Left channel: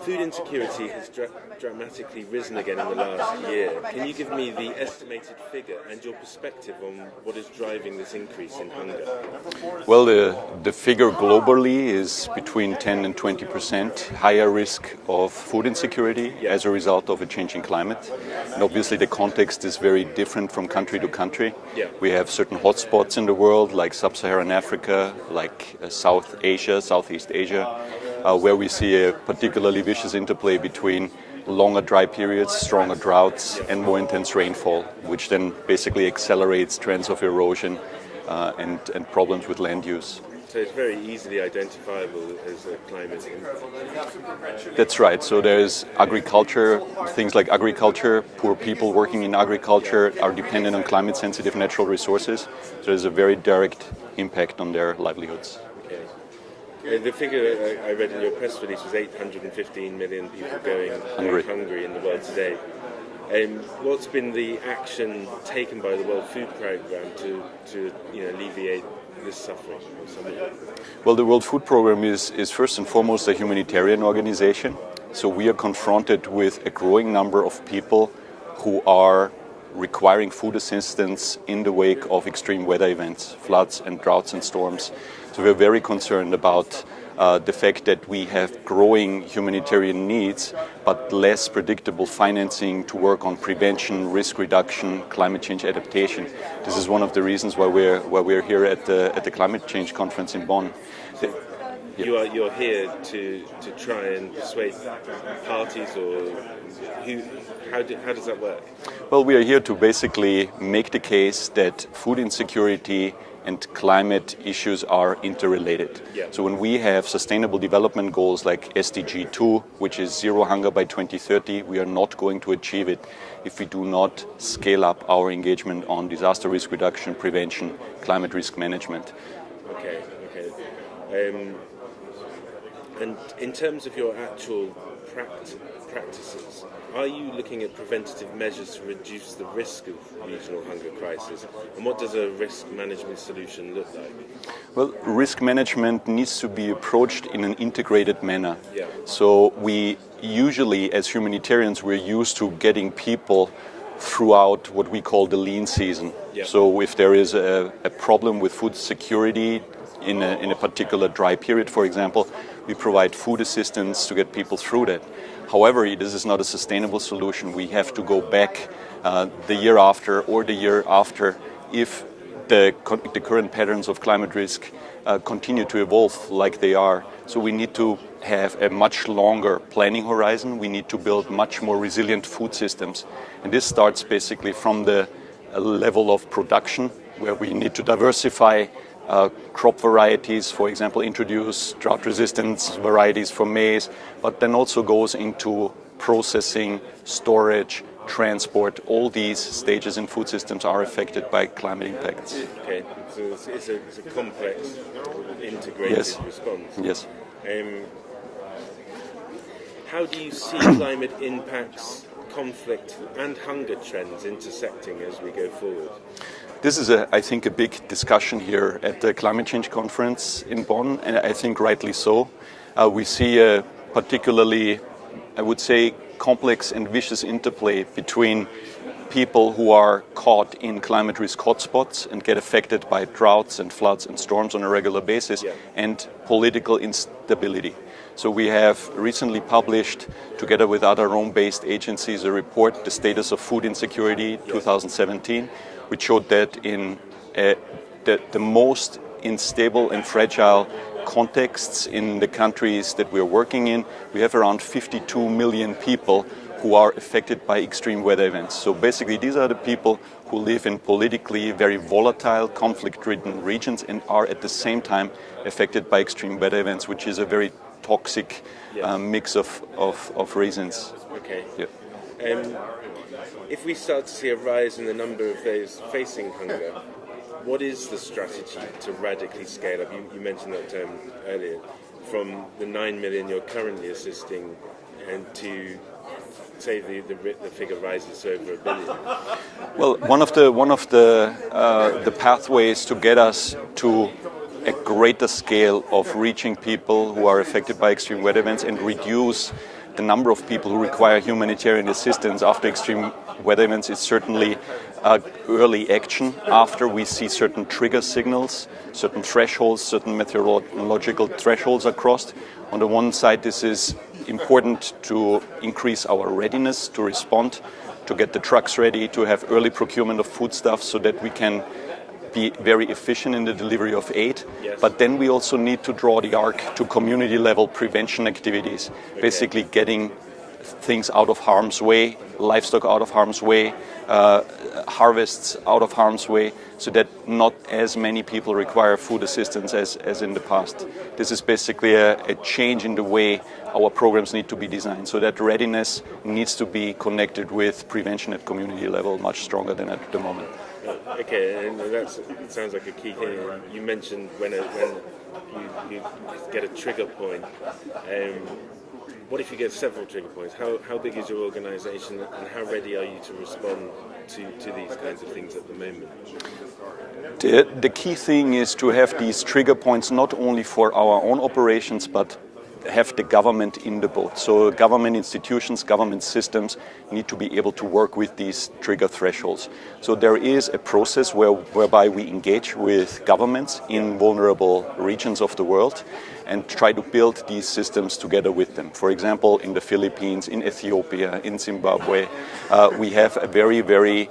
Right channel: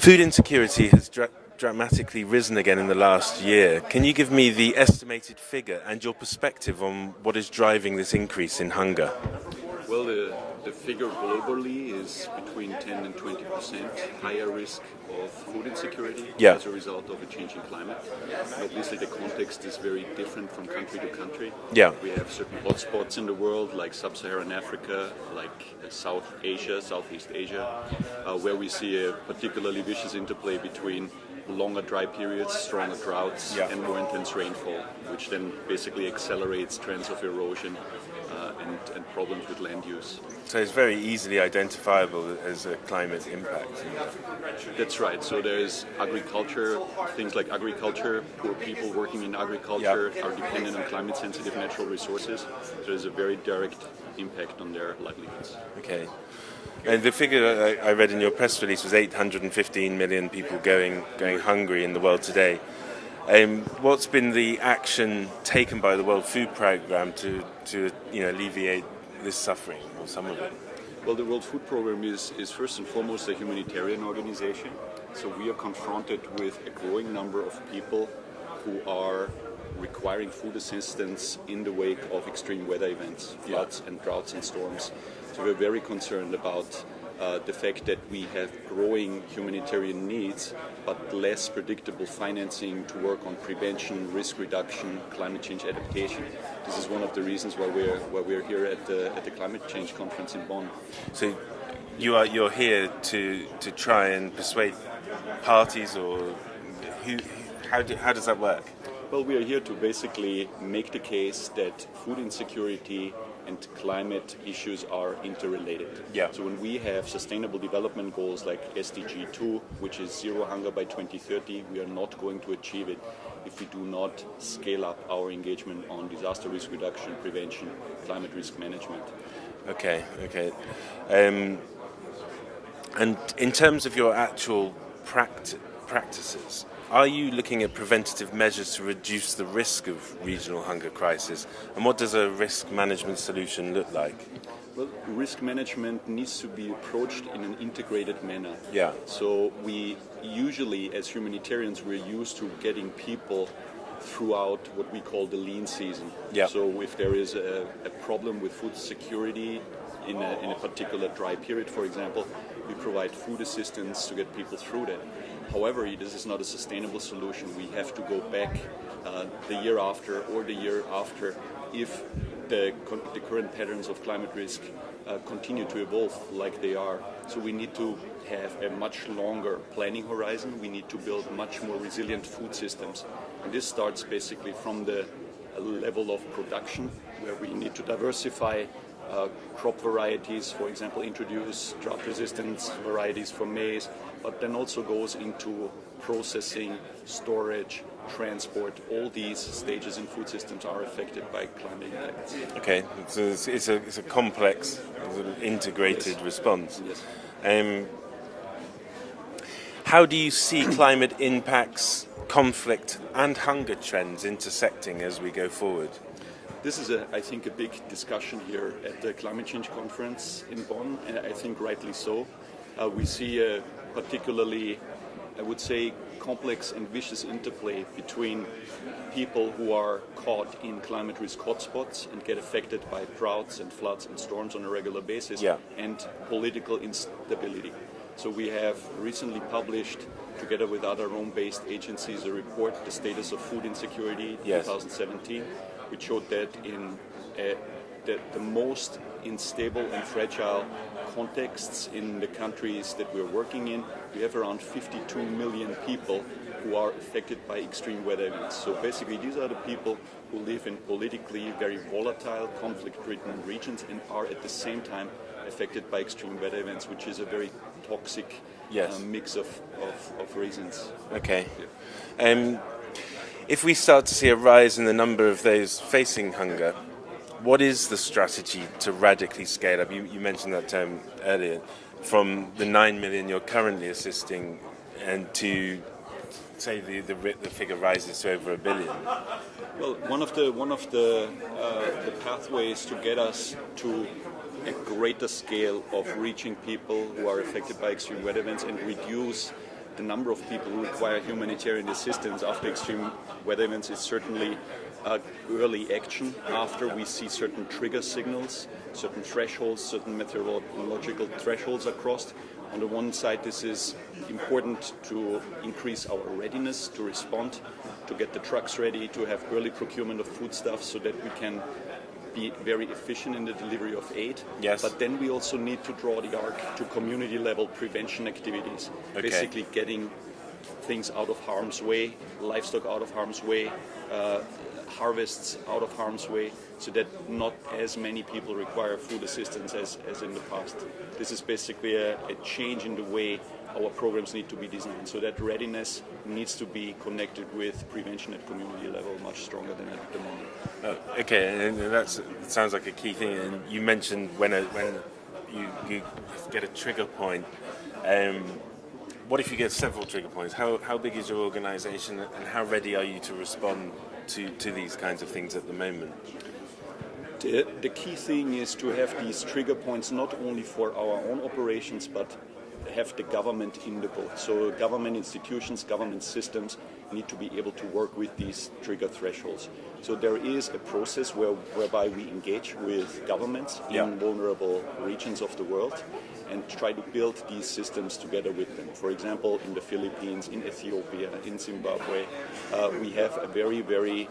Food insecurity has dramatically risen again in the last year. Can you give me the estimated figure and your perspective on what is driving this increase in hunger? Well, the figure globally is between 10 and 20% higher risk of food insecurity as a result of a changing climate. And obviously the context is very different from country to country. We have certain hotspots in the world like Sub-Saharan Africa, like Southeast Asia, where we see a particularly vicious interplay between longer dry periods, stronger droughts, and more intense rainfall, which then basically accelerates trends of erosion and problems with land use. So it's very easily identifiable as a climate impact. That's right. So there's agriculture, things like agriculture, poor people working in agriculture are dependent on climate-sensitive natural resources. So there's a very direct impact on their livelihoods. Okay. And the figure I read in your press release was 815 million people going hungry in the world today. What's been the action taken by the World Food Programme to alleviate this suffering, or some of it? Well, the World Food Programme is first and foremost a humanitarian organization. So we are confronted with a growing number of people who are requiring food assistance in the wake of extreme weather events, floods and droughts and storms. So we're very concerned about the fact that we have growing humanitarian needs, but less predictable financing to work on prevention, risk reduction, climate change adaptation. This is one of the reasons why we're here at the climate change conference in Bonn. So you're here to try and persuade parties, or how does that work? Well, we are here to basically make the case that food insecurity and climate issues are interrelated. So when we have sustainable development goals like SDG 2, which is zero hunger by 2030, we are not going to achieve it if we do not scale up our engagement on disaster risk reduction, prevention, climate risk management. Okay. And in terms of your actual practices, are you looking at preventative measures to reduce the risk of regional hunger crisis? And what does a risk management solution look like? Well, risk management needs to be approached in an integrated manner. So we usually, as humanitarians, we're used to getting people throughout what we call the lean season. So if there is a problem with food security in a particular dry period, for example, we provide food assistance to get people through that. However, this is not a sustainable solution. We have to go back the year after or the year after if the current patterns of climate risk continue to evolve like they are. So we need to have a much longer planning horizon. We need to build much more resilient food systems. And this starts basically from the level of production, where we need to diversify crop varieties, for example, introduce drought resistance varieties for maize, but then also goes into processing, storage, transport. All these stages in food systems are affected by climate impacts. Okay, so it's a complex, integrated response. Yes. How do you see climate impacts, conflict and hunger trends intersecting as we go forward? This is, I think, a big discussion here at the Climate Change Conference in Bonn, and I think rightly so. We see a particularly, I would say, complex and vicious interplay between people who are caught in climate risk hotspots and get affected by droughts and floods and storms on a regular basis, and political instability. So we have recently published, together with other Rome-based agencies, a report, The Status of Food Insecurity 2017, which showed that in the most unstable and fragile contexts in the countries that we're working in, we have around 52 million people who are affected by extreme weather events. So basically these are the people who live in politically very volatile, conflict-ridden regions and are at the same time affected by extreme weather events, which is a very toxic mix of reasons. Okay. If we start to see a rise in the number of those facing hunger, what is the strategy to radically scale up? You mentioned that term earlier, from the 9 million you're currently assisting and to, say, the figure rises to over 1 billion. Well, one of the pathways to get us to a greater scale of reaching people who are affected by extreme weather events and reduce the number of people who require humanitarian assistance after extreme weather events is certainly early action after we see certain trigger signals, certain thresholds, certain meteorological thresholds are crossed. On the one side, this is important to increase our readiness to respond, to get the trucks ready, to have early procurement of foodstuffs so that we can be very efficient in the delivery of aid. Yes. But then we also need to draw the arc to community level prevention activities, basically getting things out of harm's way, livestock out of harm's way, harvests out of harm's way, so that not as many people require food assistance as in the past. This is basically a change in the way our programs need to be designed, so that readiness needs to be connected with prevention at community level much stronger than at the moment. Okay, and that sounds like a key thing. You mentioned when you get a trigger point. What if you get several trigger points? How big is your organisation, and how ready are you to respond to these kinds of things at the moment? The key thing is to have these trigger points not only for our own operations, but have the government in the boat. So government institutions, government systems need to be able to work with these trigger thresholds. So there is a process whereby we engage with governments in vulnerable regions of the world and try to build these systems together with them. For example, in the Philippines, in Ethiopia, in Zimbabwe, we have a very, very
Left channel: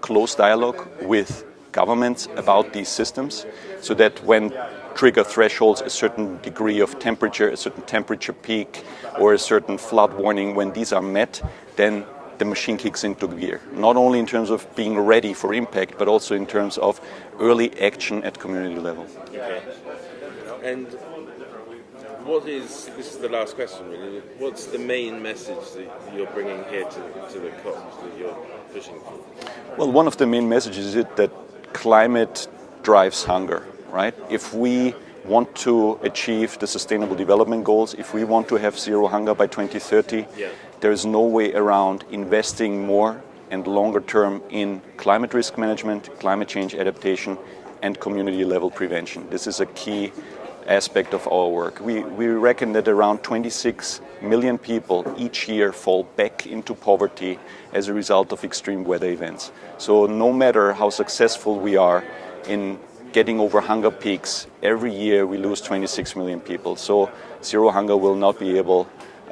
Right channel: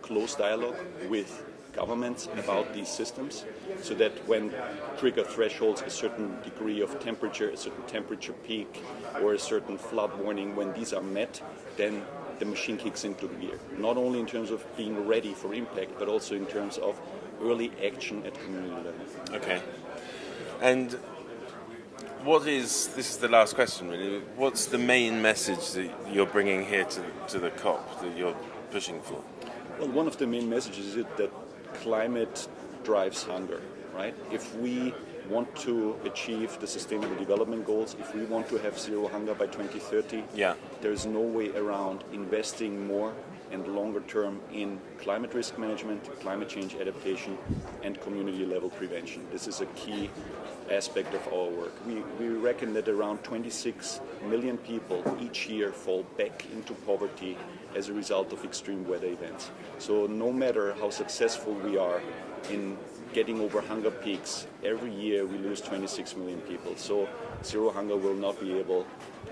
close dialogue with governments about these systems, so that when trigger thresholds, a certain degree of temperature, a certain temperature peak, or a certain flood warning, when these are met, then the machine kicks into gear. Not only in terms of being ready for impact, but also in terms of early action at community level. Okay. And this is the last question really, what's the main message that you're bringing here to the COP that you're pushing for? Well, one of the main messages is that climate drives hunger, right? If we want to achieve the Sustainable Development Goals, if we want to have zero hunger by 2030, there is no way around investing more and longer term in climate risk management, climate change adaptation, and community level prevention. This is a key aspect of our work. We reckon that around 26 million people each year fall back into poverty as a result of extreme weather events. So no matter how successful we are in getting over hunger peaks, every year we lose 26 million people. So zero hunger will not be able,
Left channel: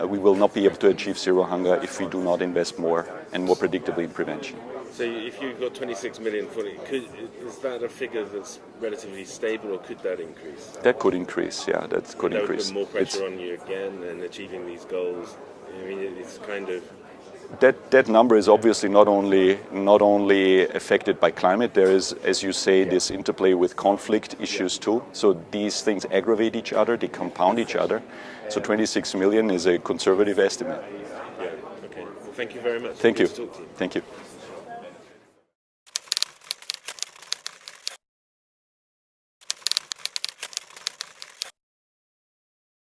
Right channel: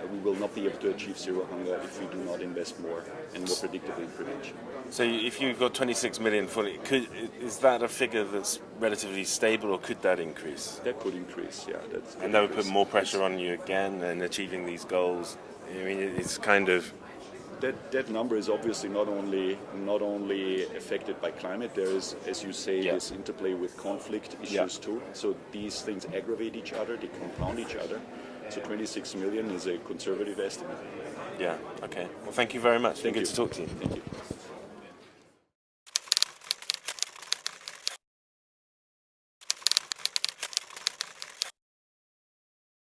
we will not be able to achieve zero hunger if we do not invest more and more predictably in prevention. So if you've got 26 million fully, is that a figure that's relatively stable, or could that increase? That could increase, yeah, that could increase. Put more pressure on you again and achieving these goals? I mean, it's kind of... That number is obviously not only affected by climate. There is, as you say, this interplay with conflict issues too. So these things aggravate each other, they compound each other. So 26 million is a conservative estimate. Yeah, okay. Well, thank you very much. Thank you. Good to talk to you. Thank you.